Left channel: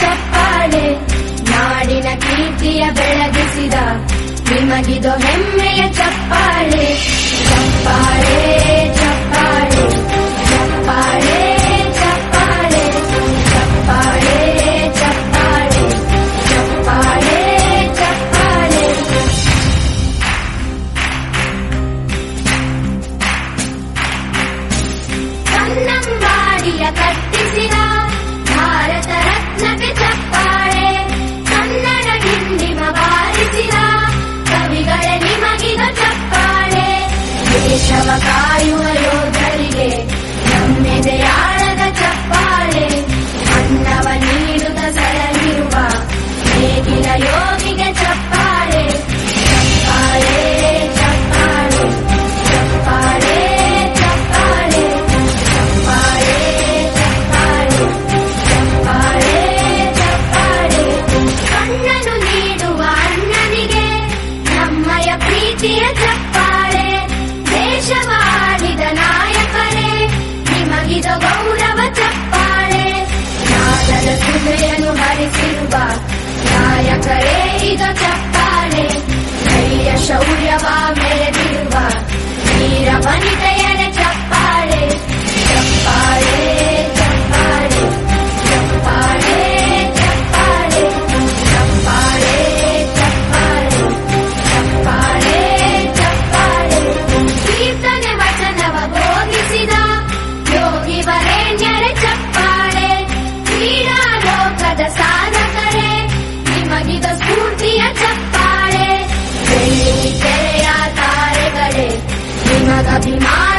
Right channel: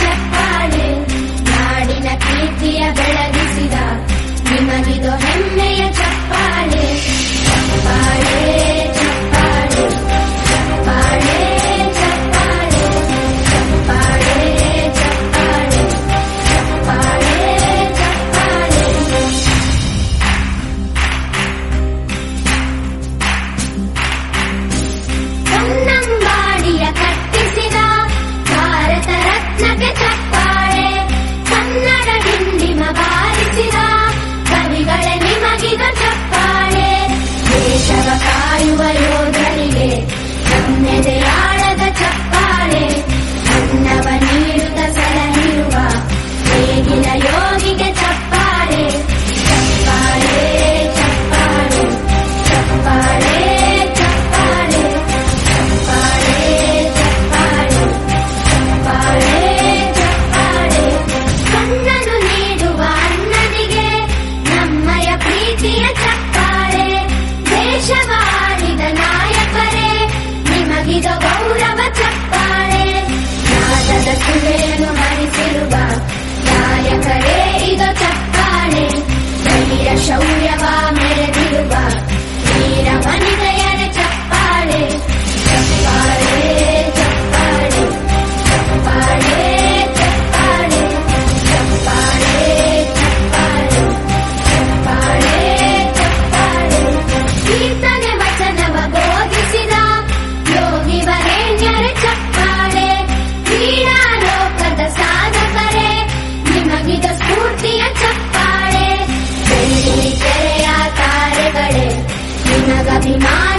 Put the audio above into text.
ಚಪ್ಪಾಳೆ, ನಾಡಿನ ಕೀರ್ತಿಯ ಬೆಳಗಿಸಿದ ನಿಮಗಿದು ಹೆಮ್ಮೆಯ ಚಪ್ಪಾಳೆ. ಚಪ್ಪಾಳೆ ಚಪ್ಪಾಳೆ ಚಪ್ಪಾಳೆ ಚಪ್ಪಾಳೆ ಚಪ್ಪಾಳೆ ಚಪ್ಪಾಳೆ ಚಪ್ಪಾಳೆ ಚಪ್ಪಾಳೆ. ಕನ್ನಂಬಾಡಿಯ ಕಟ್ಟಿಸಿದ ಭಾರತ ರತ್ನಕ್ಕೆ ಚಪ್ಪಾಳೆ, ಕನ್ನಡ ಡಿಂಡಿಮ ಬಾರಿಸಿದ ಕವಿಗಳೇ ನಿಮಗಿದ ಚಪ್ಪಾಳೆ. ದೇಶವ ಕಾಯುವ ಯೋಧರಿಗೆ ನಮ್ಮೆದೆಯಾಳದ ಚಪ್ಪಾಳೆ, ಅನ್ನವ ನೀಡುತ್ತ ಸಲಹಿರುವ ನೇಗಿಲ ಯೋಗಿಗೆ ಚಪ್ಪಾಳೆ. ಚಪ್ಪಾಳೆ ಚಪ್ಪಾಳೆ ಚಪ್ಪಾಳೆ ಚಪ್ಪಾಳೆ ಚಪ್ಪಾಳೆ ಚಪ್ಪಾಳೆ ಚಪ್ಪಾಳೆ ಚಪ್ಪಾಳೆ. ಕಣ್ಣನು ನೀಡುವ ಅಣ್ಣನಿಗೆ ನಮ್ಮಯ ಪ್ರೀತಿಯ ಚಪ್ಪಾಳೆ, ದೇಶವಾಳಿದ ನಾಯಕರೇ ನಿಮಗಿದು ಗೌರವ ಚಪ್ಪಾಳೆ. ನಾದದ ಸುಮೆಯನ್ನು ಹರಿಸಿರುವ ನಾಯಕರೇ ಇದು ಚಪ್ಪಾಳೆ, ಧೈರ್ಯ ಶೌರ್ಯವ ಮೆರೆದಿರುವ ವೀರ ವನಿತೆಯರ ಚಪ್ಪಾಳೆ. ಚಪ್ಪಾಳೆ ಚಪ್ಪಾಳೆ ಚಪ್ಪಾಳೆ ಚಪ್ಪಾಳೆ ಚಪ್ಪಾಳೆ ಚಪ್ಪಾಳೆ ಚಪ್ಪಾಳೆ ಚಪ್ಪಾಳೆ. ಕೀರ್ತನೆ ವಚನವ ಬೋಧಿಸಿದ ಯೋಗಿ ವರೇಣ್ಯರ ಚಪ್ಪಾಳೆ, ಕ್ರೀಡಾ ಲೋಕದ ಸಾಧಕರೇ ನಿಮಗಿದ ಸ್ಫೂರ್ತಿಯ ಚಪ್ಪಾಳೆ. ಬೆಳ್ಳಿ ತೆರೆಯ ತಾರೆಗಳೇ ನಿಮಗಭಿಮಾನ